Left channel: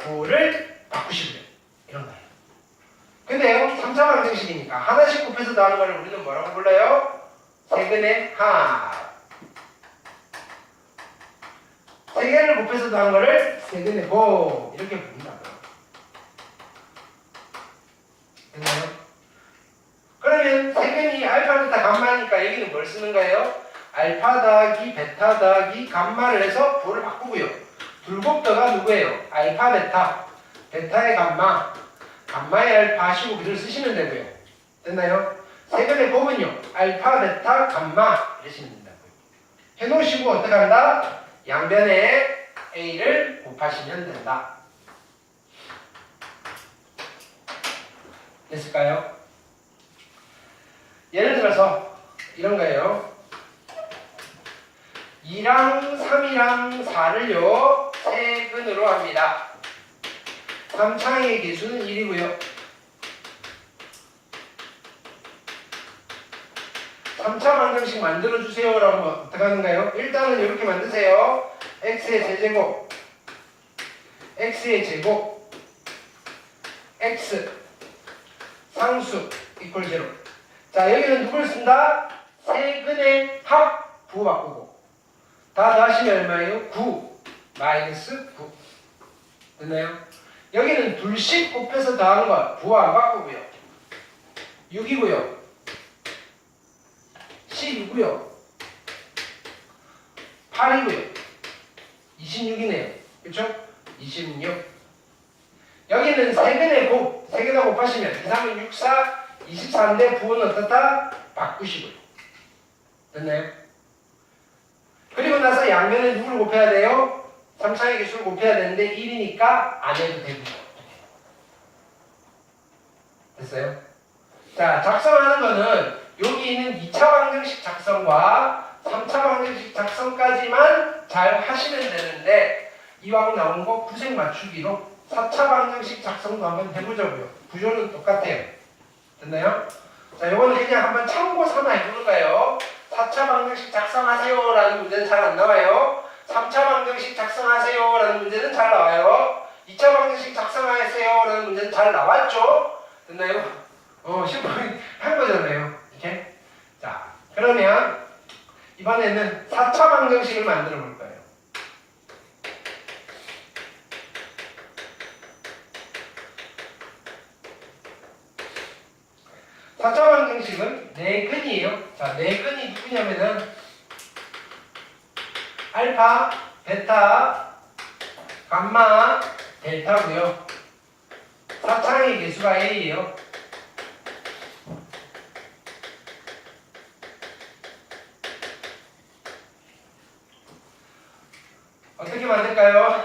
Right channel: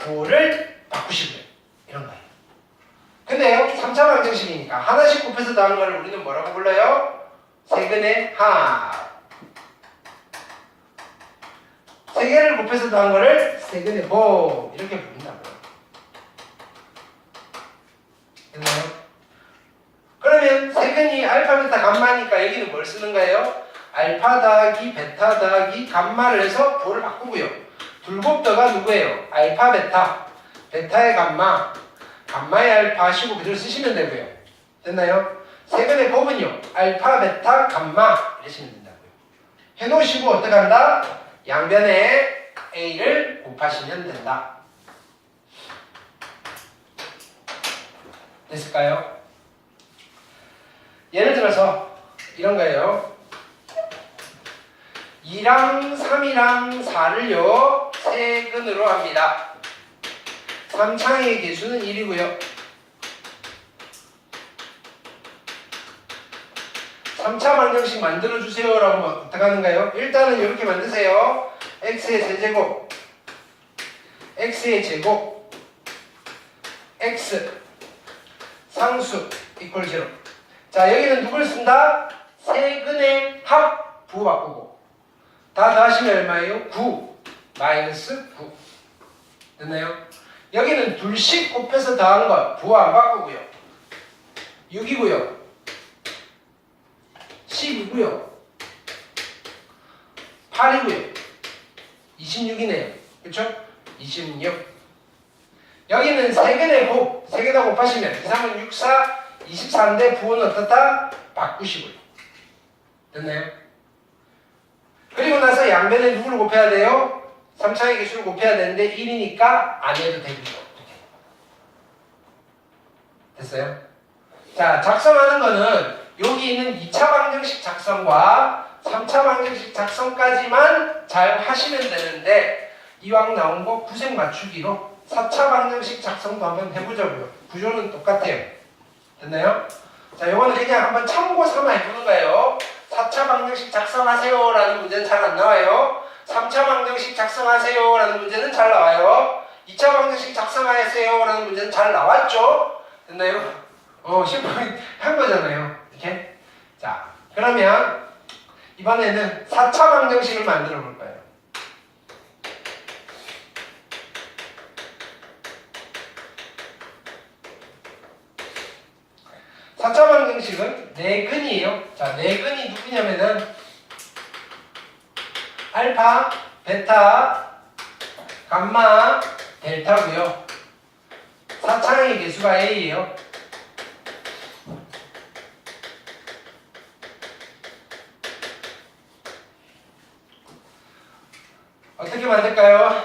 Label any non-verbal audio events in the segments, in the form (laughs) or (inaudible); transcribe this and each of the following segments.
부호를 바꾸시고요. 이런 거예요. 근데요, 3차 방정식이니까 하나씩 곱해서 나오는 거를 우리는 뭐라고 불러요? 세근의 합. 세 개를 곱해서 나온 거를 세근의 곱 이렇게 부른다고요. 됐나요? 그러면 세근이 알파, 베타, 감마니까 여기는 뭘 쓰는 거예요? 알파 더하기 베타 더하기 감마를 해서 부호를 바꾸고요. 둘곱더가 누구예요? 알파, 베타. 베타의 감마, 감마의 알파 하시고 그대로 쓰시면 되고요. 됐나요? 세근의 곱은요. 알파, 베타, 감마 이러시면 된다고요. 해놓으시고 어떻게 한다? 양변에 A를 곱하시면 된다. 됐을까요? 예를 들어서 이런 거예요. 2랑 3이랑 4를요 세근으로 합니다. 3창의 개수는 1이고요. 3차 방정식 만들어주세요 라고 하면 어떻게 하는가요? 일단은 이렇게 만드세요. x의 세제곱 x의 제곱 x 상수 이퀄 제로 자 여기는 누굴 쓴다? 세근의 합 부호 바꾸고 다 더하시면 얼마예요? 9 마이너스 9 됐나요? 여기는 둘씩 곱해서 더한 것 부호 안 바꾸고요 6이고요 10이고요 8이고요 26이네요 그렇죠? 26 여기는 세근의 곱 세개다 곱하시면 2, 3은 6, 4 24인데 부호는 어떻다? 바꾸시고요 됐나요? 그리고 나서 양변에 누구를 곱해야 돼요? 3차의 개수를 곱해야 되는데 1이니까 안 해도 됩니다. 됐어요? 자, 작성하는 거는 여기 있는 2차 방정식 작성과 3차 방정식 작성까지만 잘 하시면 되는데 이왕 나온 거 구색 맞추기로 4차 방정식 작성도 한번 해보자고요. 구조는 똑같아요. 됐나요? 자, 이거는 그냥 한번 참고 삼아 해보는 거예요. 4차 방정식 작성하세요 라는 문제는 잘 안 나와요. 3차 방정식 작성하세요 라는 문제는 잘 나와요. 2차 방정식 작성하세요 라는 문제는 잘 나왔죠? 됐나요? 어, 10분 한 거잖아요. 이렇게. 자, 그러면 이번에는 4차 방정식을 만들어 볼 거예요. 4차 방정식은 네근이에요. 자, 네근이 누구냐면은 알파, 베타, 감마, 델타고요. 4창의 개수가 A예요. 어떻게 만들까요?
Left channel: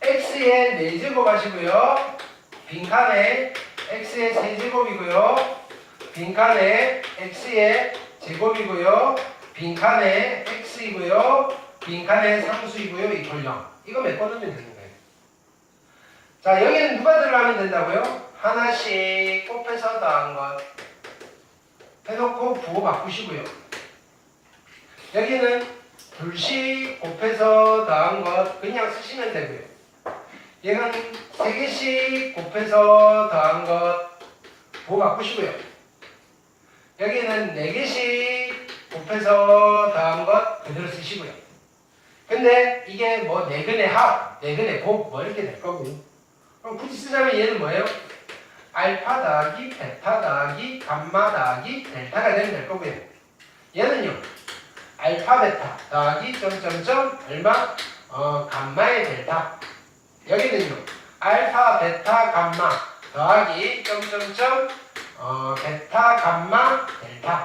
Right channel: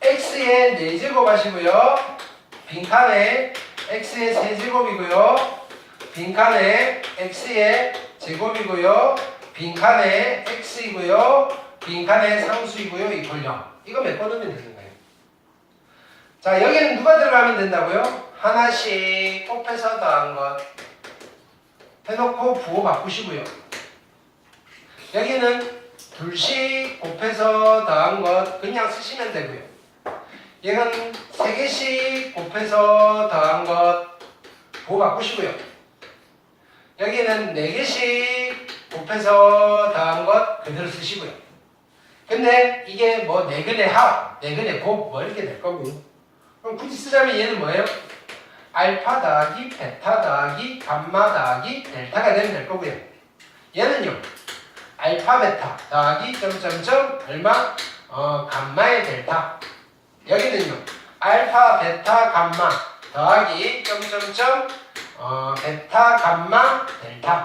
x의 4제곱 하시고요. 빈칸에 x의 세제곱이고요. 빈칸에 x의 제곱이고요. 빈칸에 x이고요. 빈칸에 상수이고요. 이퀄 0. 이거 메꿔두면 되는 거예요. 자, 여기는 누가 들어가면 된다고요? 하나씩 곱해서 더한 것. 해놓고 부호 바꾸시고요. 여기는 둘씩 곱해서 더한 것 그냥 쓰시면 되고요. 얘는 세 개씩 곱해서 더한 것 부호 바꾸시고요. 여기는 네 개씩 곱해서 더한 것 그대로 쓰시고요. 근데 이게 뭐 네근의 합, 네근의 곱, 뭐 이렇게 될 거고요. 그럼 굳이 쓰자면 얘는 뭐예요? 알파 더하기 베타 더하기 감마 더하기 델타가 되면 될 거고요. 얘는요. 알파 베타 더하기 점점점 얼마? 어 감마의 델타. 여기는요. 알파 베타 감마 더하기 점점점 어 베타 감마 델타.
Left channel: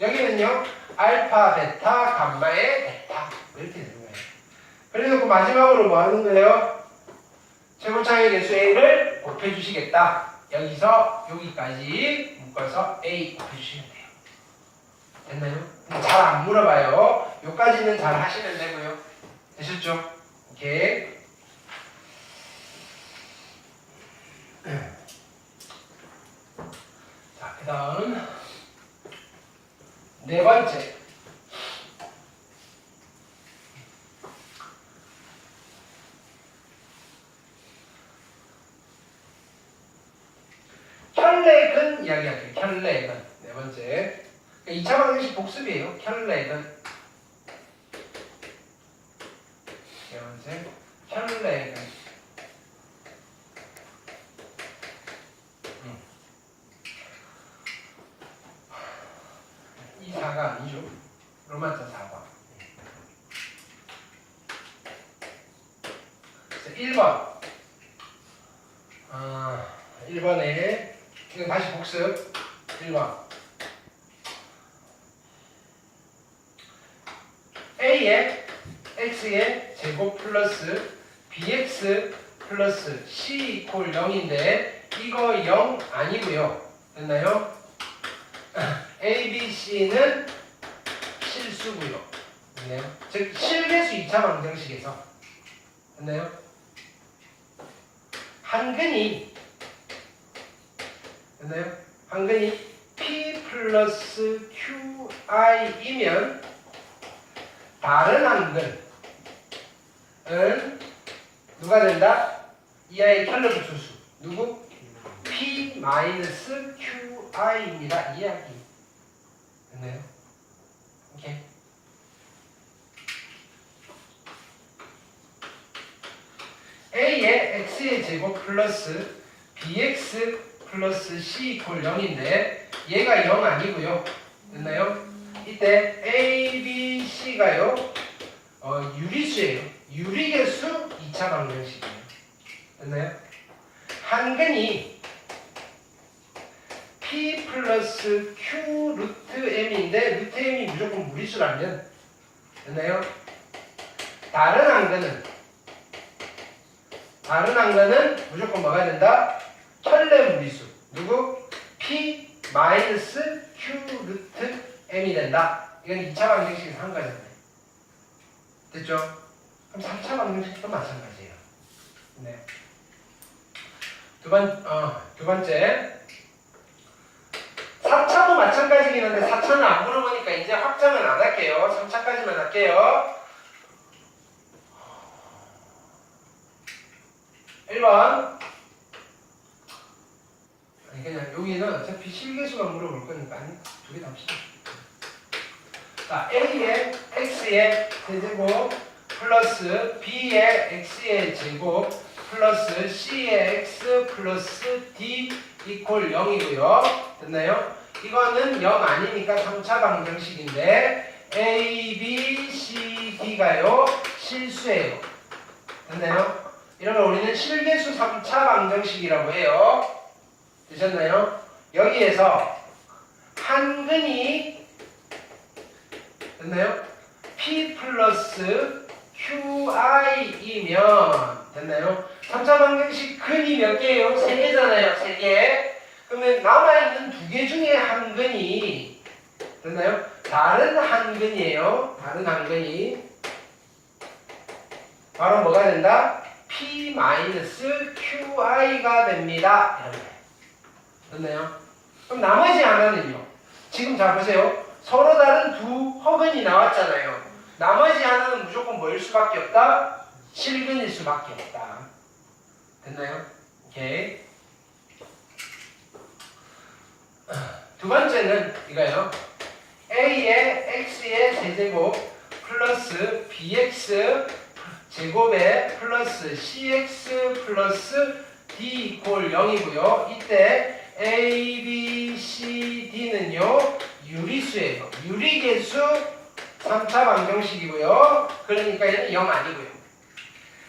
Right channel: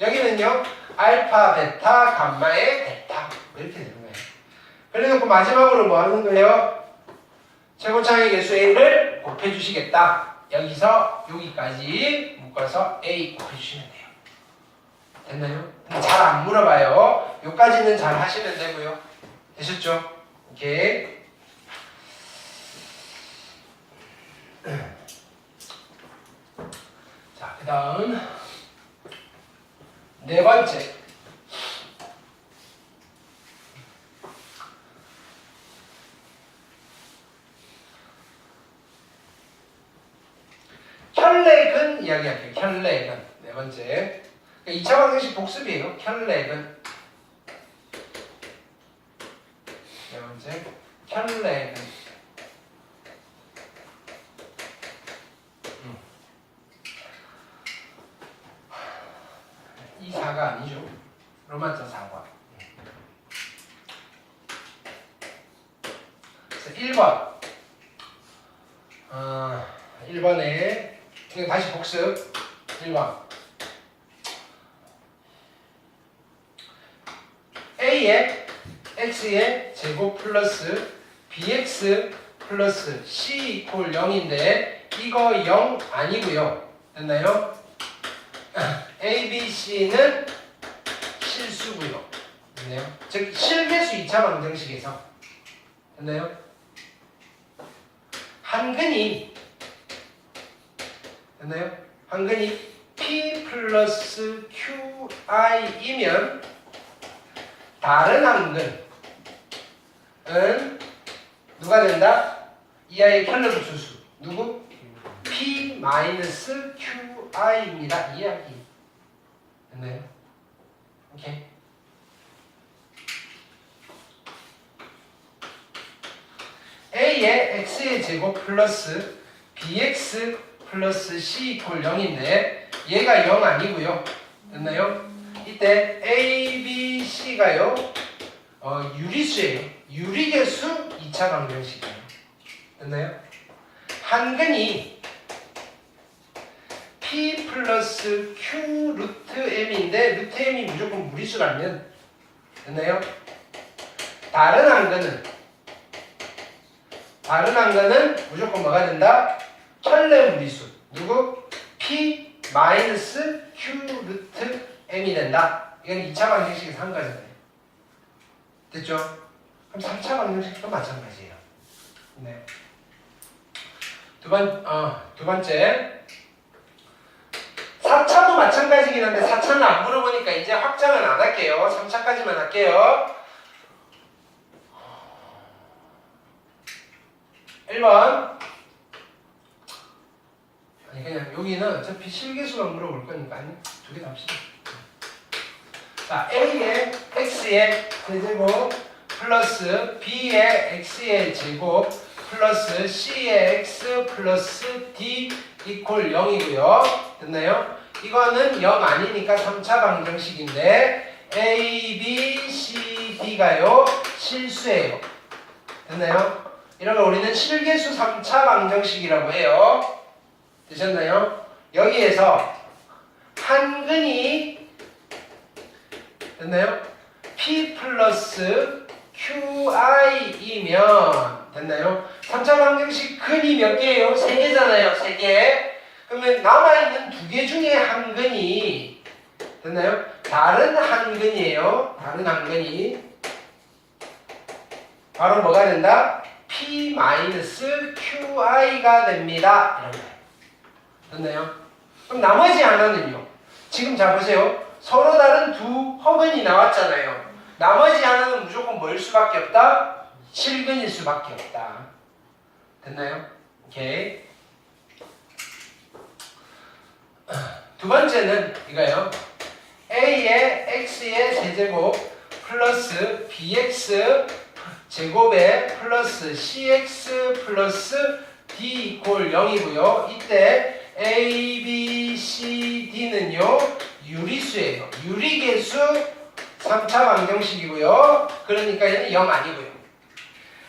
여기는요. 알파 베타 감마의 델타. 이렇게 되는 거예요. 그래놓고 마지막으로 뭐 하는 거예요? 최고차의 개수 A를 곱해주시겠다. 여기서 여기까지 묶어서 A 곱해주시면 돼요. 됐나요? 잘안 물어봐요. 여기까지는 잘 하시면 되고요. 되셨죠? 오케이. 자, 그 다음 네 번째. 혈렉은 이야기할게요. 혈렉은 네 번째. 2차 방정식 복습이에요. 혈렉은 네 번째. 혈렉은 음. 이 4가 아니죠. 로마자 4번. 그래서 1번. 어, 1번에 이거 다시 복습 1번 A의 X의 제곱 플러스 BX 플러스 C 이퀄 0인데 이거 0 아니고요 됐나요? (laughs) A, B, C는 실수고요 됐나요? 즉 실계수 2차 방정식에서 됐나요? 한근이 됐나요? 한근이 P 플러스 QI이면 다른 한근은 누가 된다? 이 아이의 켈러브 수수 누구? P 마이너스 QI입니다. 이야기 됐나요? 오케이. A의 X의 제곱 플러스 BX 플러스 C 이퀄 0인데 얘가 0 아니고요. 됐나요? 이때 A, B, C가요. 어, 유리수예요. 유리계수 2차 방정식이에요. 됐나요? 한근이 P 플러스 Q 루트 M인데 루트 M이 무조건 무리수라면 됐나요? 다른 한근은 다른 한근은 무조건 뭐가 된다? 혈내 무리수 누구? P 마이너스 Q 루트 M이 된다. 이건 2차 방정식에서 한 거잖아요. 됐죠? 그럼 3차 방정식도 마찬가지예요. 네. 두 번, 어, 두 번째. 4차도 마찬가지긴 한데 4차는 안 물어보니까 이제 확장은 안 할게요. 3차까지만 할게요. 1번. 아니 그냥 여기는 어차피 실계수만 물어볼 거니까 두개다 합시다. 자, A의 X의 제곱 플러스 B의 X의 제곱 플러스 C의 X 플러스 D 이퀄 0이고요. 됐나요? 이거는 0 아니니까 3차 방정식인데 A, B, C, D가요 실수예요. 됐나요? 이런 걸 우리는 실계수 3차 방정식이라고 해요. 되셨나요? 여기에서 한근이 됐나요? P 플러스 QI이면 됐나요? 3차 방정식 근이 몇 개예요? 3개잖아요. 3개. 그러면 남아있는 두 개 중에 한 근이 됐나요? 다른 한 근이에요. 다른 한 근이 바로 뭐가 된다? P 마이너스 QI가 됩니다. 됐나요? 그럼 나머지 하나는요? 지금 자 보세요. 서로 다른 두 허근이 나왔잖아요. 나머지 하나는 무조건 뭐일 수밖에 없다? 실근일 수밖에 없다. 됐나요? 오케이. 두 번째는 이거예요. A의 X의 세제곱 플러스 BX 제곱에 플러스 CX 플러스 D 이퀄 0이고요. 이때 A, B, C, D는요. 유리수예요. 유리계수 3차 방정식이고요. 그러니까 얘는 0 아니고요.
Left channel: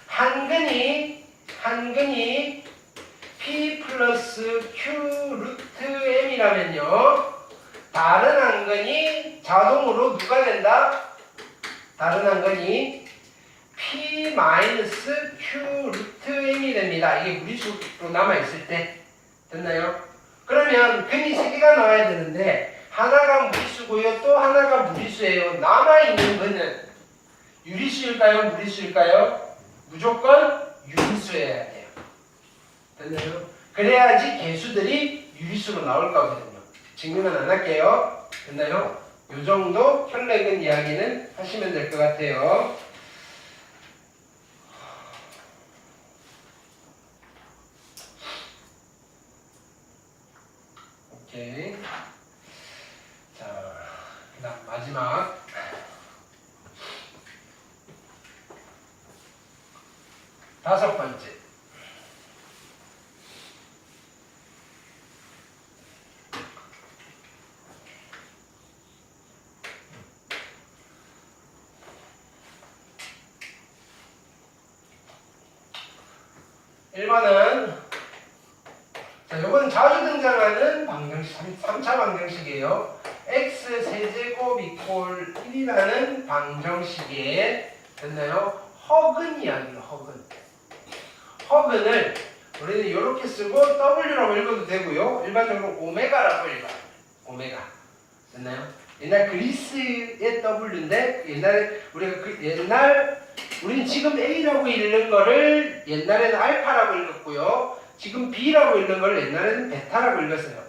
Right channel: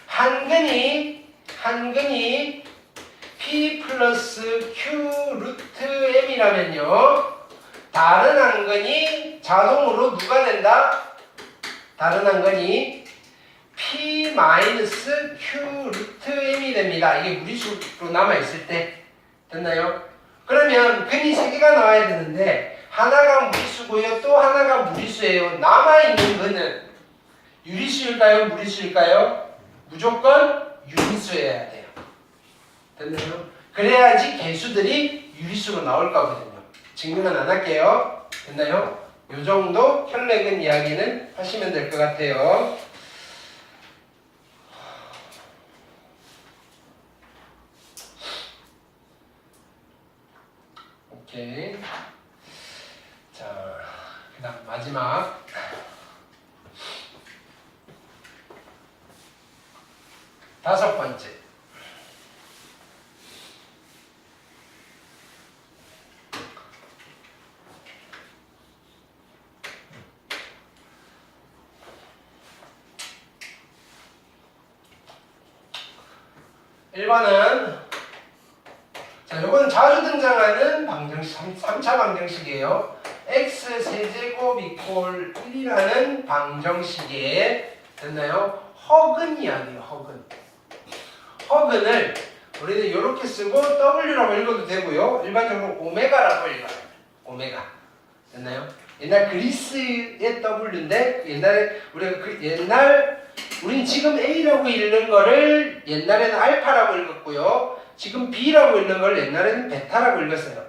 한근이 한근이 P 플러스 Q 루트 M이라면요. 다른 한근이 자동으로 누가 된다? 다른 한근이 P 마이너스 Q 루트 M이 됩니다. 이게 무리수로 남아있을 때. 됐나요? 그러면 근이 세 개가 나와야 되는데 하나가 무리수고요. 또 하나가 무리수예요. 남아있는 근은 유리수일까요? 무리수일까요? 무조건 유리수여야 돼요. 됐나요? 그래야지 개수들이 유리수로 나올 거거든요. 증명은 안 할게요. 됐나요? 요 정도 혈액은 이야기는 하시면 될 것 같아요. 1번은 자, 요건 자주 등장하는 방정식 3차 방정식이에요. x 세제곱 이콜 1이라는 방정식에 됐나요? 허근이 아니에요, 허근. 허근을 우리는 이렇게 쓰고 W라고 읽어도 되고요. 일반적으로 오메가라고 읽어요. 오메가. 됐나요? 옛날 그리스의 W인데 옛날에 우리가 그 옛날 우린 지금 a라고 읽는 거를 옛날에는 알파라고 읽었고요. 지금 b라고 읽는 걸 옛날에는 베타라고 읽었어요.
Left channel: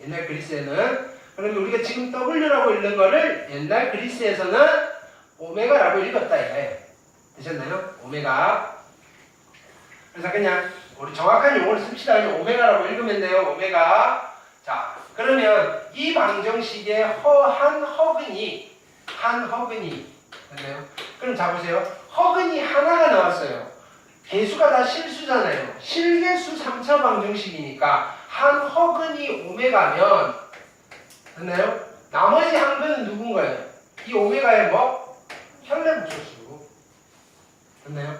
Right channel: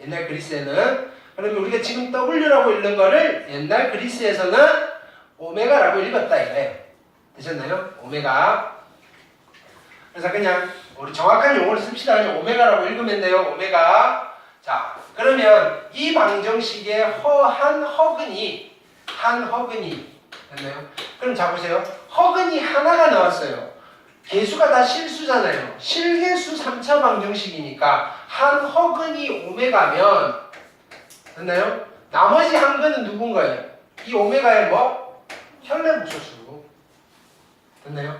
옛날 그리스에는 그러면 우리가 지금 w라고 읽는 거를 옛날 그리스에서는 오메가라고 읽었다 이거예요. 되셨나요? 오메가. 그래서 그냥 우리 정확한 용어를 씁시다. 오메가라고 읽으면 돼요. 오메가. 자, 그러면 이 방정식의 허한 허근이 한 허근이 됐나요? 그럼 자 보세요. 허근이 하나가 나왔어요. 개수가 다 실수잖아요. 실개수 3차 방정식이니까 한 허근이 오메가면 됐나요? 나머지 한 근은 누군가요? 이 오메가의 뭐? 혈내 부초수. 됐나요?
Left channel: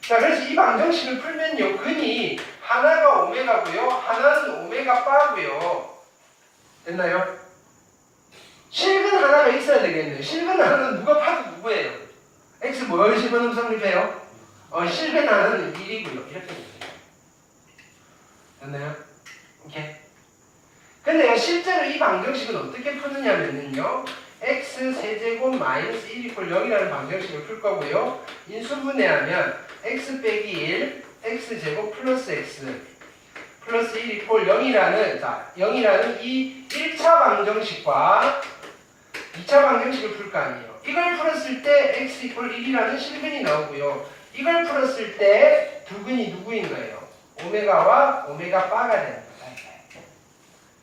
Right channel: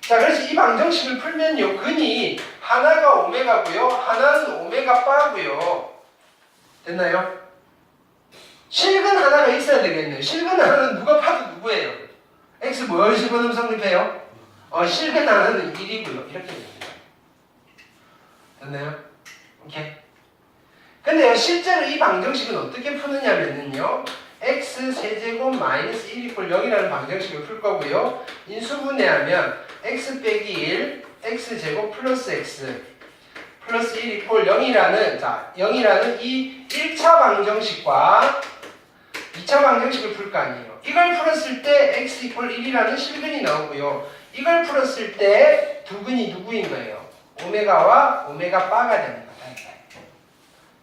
자, 그래서 이 방정식을 풀면요. 근이 하나가 오메가고요. 하나는 오메가 바고요. 됐나요? 실근 하나가 있어야 되겠네요. 실근 하나는 누가 파도 누구예요? X 뭐요? 실근 음성립해요? 어, 실근 하나는 1이고요. 이렇게 됩니다. 됐나요? 오케이. 근데요, 실제로 이 방정식은 어떻게 푸느냐면요. x 세제곱 마이너스 1 이퀄 0이라는 방정식을 풀 거고요. 인수분해하면 x 빼기 1, x 제곱 플러스 x 플러스 1 이퀄 0이라는 자 0이라는 이 1차 방정식과 2차 방정식을 풀 거 아니에요. 이걸 풀었을 때 x 이퀄 1이라는 실근이 나오고요. 이걸 풀었을 때 두 근이 누구인 거예요? 오메가와 오메가 바가 되는 거다.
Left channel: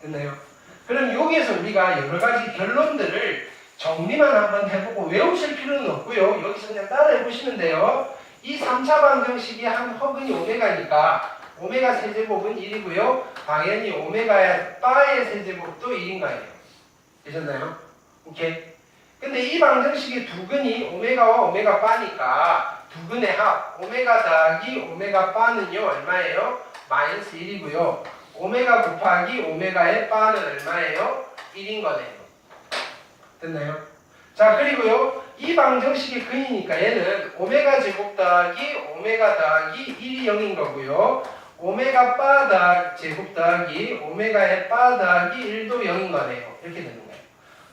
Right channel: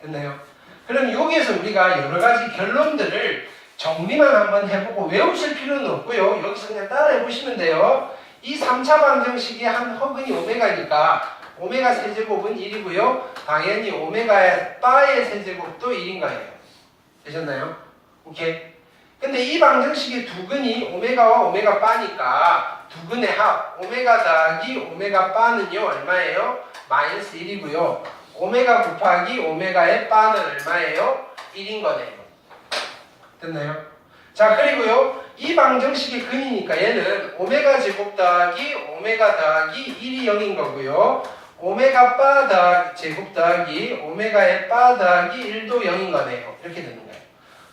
됐나요? 그럼 여기에서 우리가 여러 가지 결론들을 정리만 한번 해보고 외우실 필요는 없고요. 여기서 그냥 따라 해 보시면 돼요. 이 3차 방정식이 한 허근이 오메가니까 오메가 세제곱은 1이고요. 당연히 오메가의 바의 세제곱도 1인 거예요. 되셨나요? 오케이. 근데 이 방정식의 두 근이 오메가와 오메가 바니까 두 근의 합 오메가 더하기 오메가 바는요 얼마예요? 마이너스 1이고요. 오메가 곱하기 오메가의 바는 얼마예요? 1인 거네요. 됐나요? 자 그리고요 이 방정식의 근이니까 얘는 오메가 제곱 더하기 오메가 더하기 1이 0인 거고요. 오메가 바 더하기 제곱 더하기 오메가의 바 더하기 1도 0인 거네요. 이렇게 되는 거예요.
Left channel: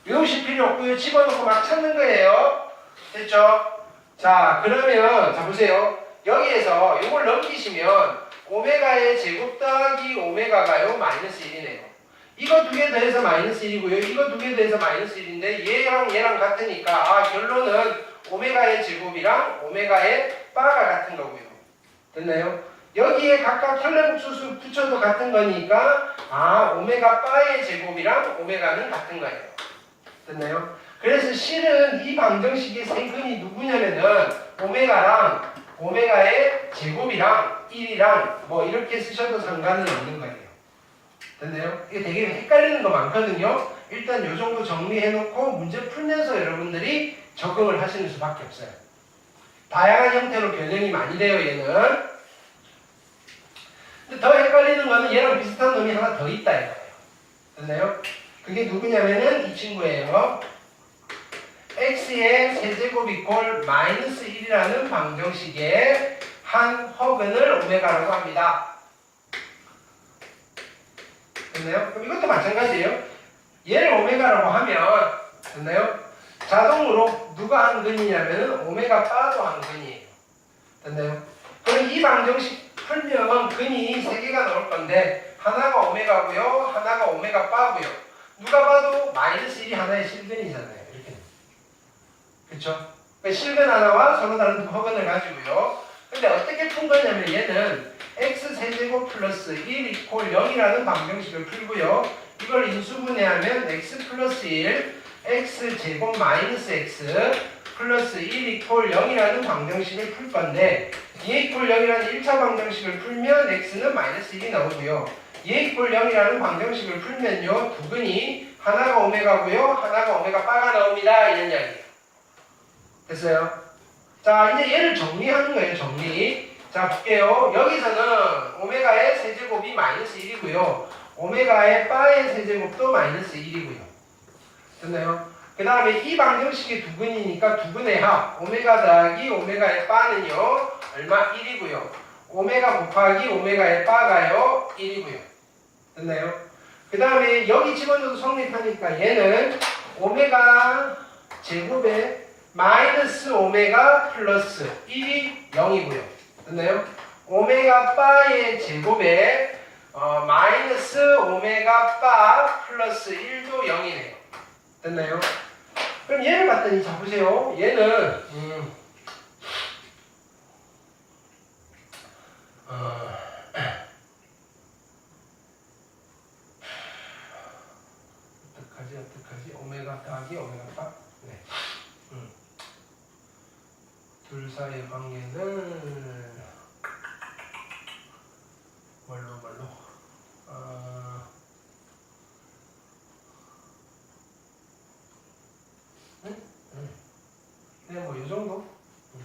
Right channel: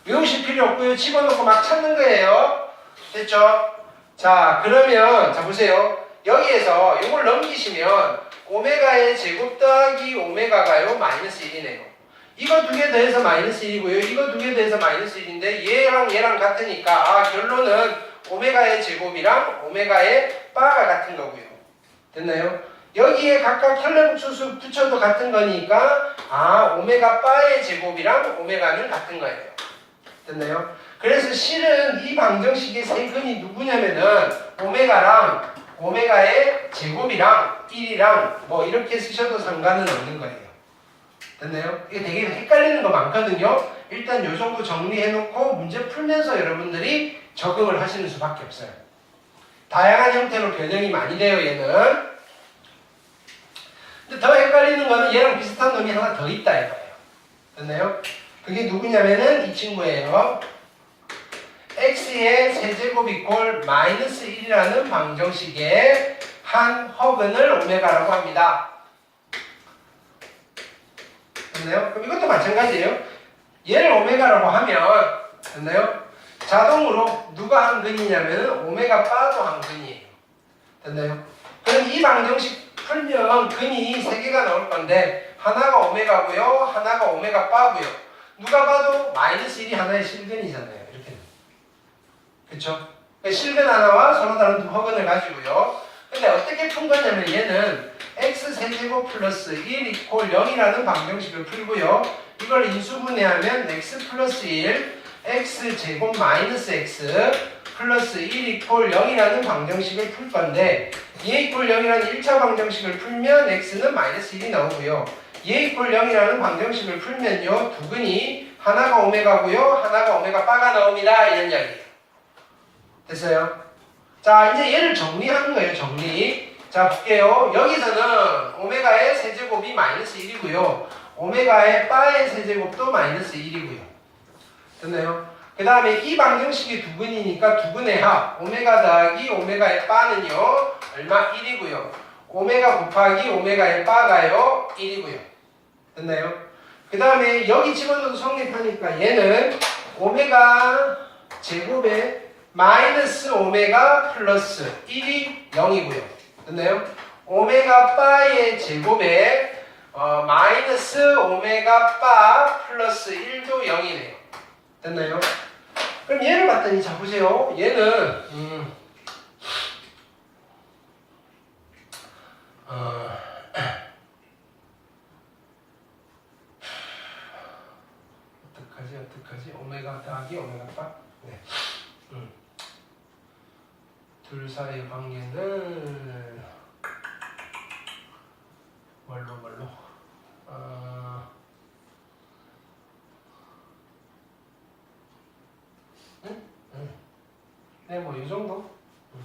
외우실 필요 없고요. 집어넣고 막 찾는 거예요. 됐죠? 자 그러면 자 보세요. 여기에서 이걸 넘기시면 오메가의 제곱 더하기 오메가가요 마이너스 1이네요. 이거 두 개 더해서 마이너스 1이고요. 이거 두 개 더해서 마이너스 1인데 얘랑 얘랑 같으니까 아 결론은 오메가의 제곱이랑 오메가의 바가 같은 거고요. 됐나요? 여기에 각각 혈레부초수 붙여도 같은 거니까 아 오메가 바의 제곱이랑 오메가는 같은 거예요. 됐나요? 그래서 실은 이 방정식의 세 근이 누구냐면은 오메가랑 오메가의 제곱이랑 1이랑 뭐 이렇게 쓰셔도 상관은 없는 거예요. 됐나요? 이게 되게 헷갈리는 거 많거든요. 일단 요 정도 정리해놓고 문제 풀면서 여러분들이 적응을 하시는 수밖에 없어요. 다양한 형태로 변형이 많이 돼요, 얘는. 근데 더 헷갈리는 거는 얘랑 비슷한 놈이 하나 더 있다 이거예요. 됐나요? 그게 누구냐면은 이 친구예요. x의 세제곱 이꼴 마이너스 1이라는 방정식의 한 허근을 오메가라고 합니다. 됐나요? 그럼 이것도 마찬가지예요. 얘를 오메가라고 하면 됐나요? 자동으로 누가 한 근이냐면 오메가 바도 한 근이에요. 됐나요? 그럼 이 방정식 풀면 근이 세 개가 나올 건데 하나가 오메가고요, 하나가 오메가 바고요. 누가 봐도 마이너스 1이 하나의 실근이잖아요. 이렇게. 그렇죠? 실근 하나와 서로 다른 두 허근을 가지고요. 근데 어떻게 푼 거냐면 얘는 x 세제곱 플러스 1 이퀄 0이라는 방정식을 풀고요. 이걸 인수분해하면 x 플러스 1, x 제곱 마이너스 x 플러스 1 이퀄 0이라는 방정식을 풀 건데 2 이퀄 0이라는 1차 방정식을 풀면 x는 마이너스 1이 나오고요. 2 이퀄 0이라는 방정식을 풀면요. 두근이 하나가 오메가고요. 하나가 오메가 바가 나옵니다. 이런 이야기예요. 됐어요? 자, 이제 얘를 정리하는 거예요. 정리. 자, 볼게요. 여기서는 오메가의 세제곱이 마이너스 1이고요. 오메가의 바의 세제곱도 마이너스 1이고요. 됐나요? 그 다음에 이 방정식이 두근이니까 두근의 합, 오메가 더하기 오메가의 바는요, 얼마? 1이고요. 오메가 곱하기 오메가의 바가요, 1이고요. 됐나요? 그 다음에 여기 집어넣어도 성립하니까 얘는 오메가 제곱에 마이너스 오메가 플러스 1이 0이고요. 됐나요? 오메가 바의 제곱에 어, 마이너스 오메가 바 플러스 1도 0이네요. 됐나요? 그럼 얘를 봤더니 자 보세요. 얘는 음, 어, 어떡하지 어떡하지 오메가 더하기 오메가 바 네. 음. 둘 사이의 관계는 뭘로 뭘로 어, 응? 응. 그냥 뭐이 정도? 응.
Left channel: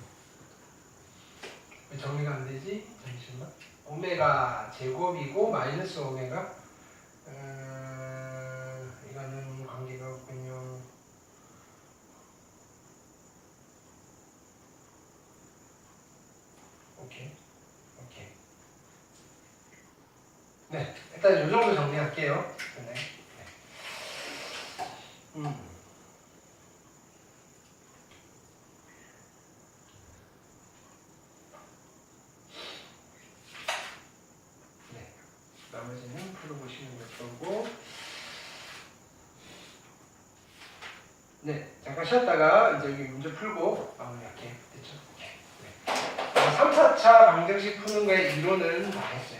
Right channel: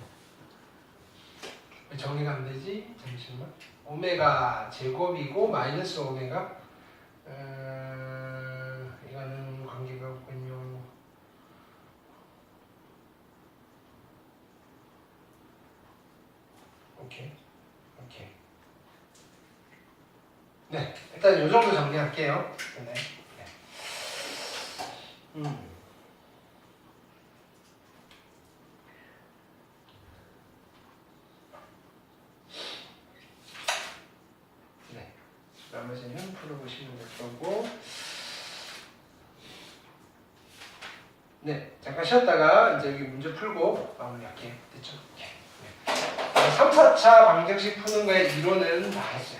왜 정리가 안 되지? 잠시만. 오메가 제곱이고 마이너스 오메가. 음, 이거는 관계가 없군요. 오케이. 오케이. 네, 일단 이 정리할게요. 네. 네. 음. 네. 나머지는 풀어보시면 될 거고. 네, 잠깐 쉬었다가 이제 여기 문제 풀고 마무리할게요. 됐죠? 네. 3, 4차 방정식 푸는 거의 이론은 다 했어요.